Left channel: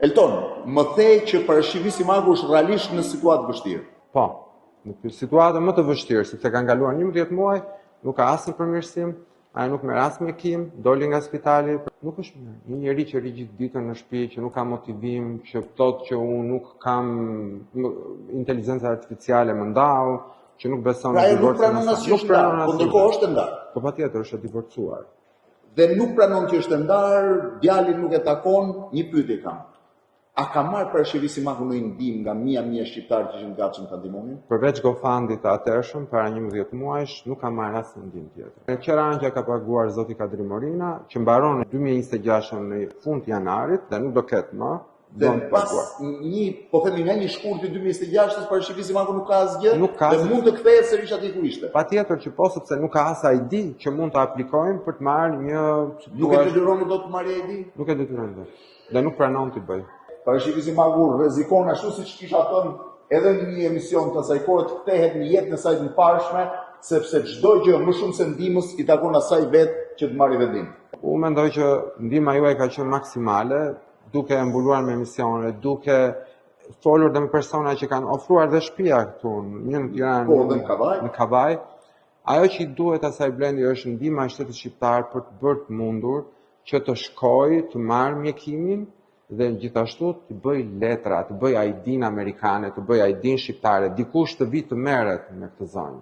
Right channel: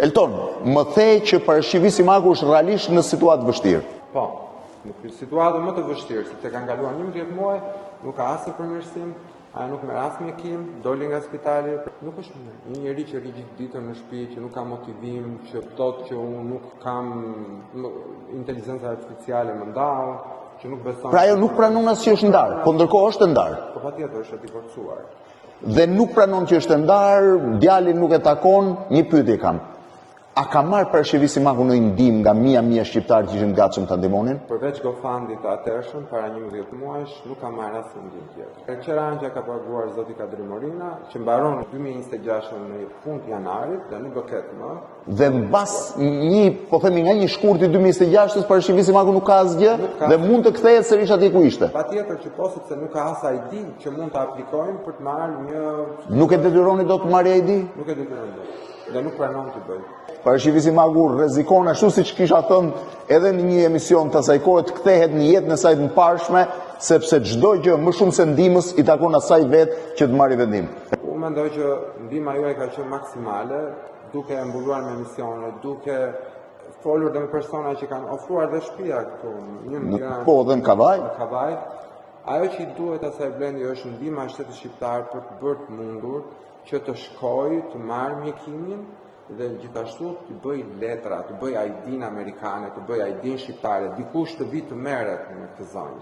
Elton, më the që parashikimi Simaku është realisht në situatë vështirë. Po, në situatë më të vështirë, sepse kanë kaluar 11 muaj, nuk ka asnjë përmirësim, ai nuk merr as mjekim, doli nga spitali, nuk është mirë. Një njerëz që rri gjithë ditën në shtëpi, që nuk ka motivim, që thotë që unë nuk kam inteligencë artificiale më ndau, që nuk beson. Pra ajo nuk pranon as që është ndarë, po ndërkohë është ndarë. Po patjetër është divorcuar. Dhe nuk pranon që është ndarë, djalin nuk e takon, një pyetje kam. A ka marrë parashikimi Simaku në ndihmë nga mia shqiptarë që ishin gatshëm ta ndihmonin? Përveç GoFundit të atërshëm, para 11 muajsh, nuk ka marrë asnjë ndihmë tjetër. Ka qera anëgja ka paguar zoti Kadri Morina, që mbaron 2026 në fund janarit, dhe nuk do ketë më. Dhe mbas nga një shkurti 2026-s parashikimi Simaku nuk ka asgjë dhe mund të kthehet sërish atje ku ishte. Patjetër që po, sepse nuk ka as ID që mund të aplikojmë për të marrë një. Nuk e detyroni dot të marrë ID? Nuk e detyroni dot. Dhe nuk pranon të bëj. Parashikimi Simaku rrezikon ashtu siç kisha thënë edhe në një emision të asaj kohe të kthehet në jetën e saj të mparshme, sepse çdo gjë më shumë se ndihmës i takon asaj vetë që të marrë vendim. Unë mendoj që ndihma juaj ka qenë maksimale, duke mbuluar me emisione, duke folur dhe me persona që kanë ofruar dhe shtëpia këtu në Tiranë. Po, dhe në Kavaj. Në Kavaj. Ajo që i duhet asaj Blendi është ndihma e shtetit shqiptar për të bërë të mundur që të shkojë, të marrë mjekimin dhe gjithashtu të bëj letra, të bëj ID-n amerikane, të bëj ID-n shqiptare, dikush të vi të merret në këtë zonë.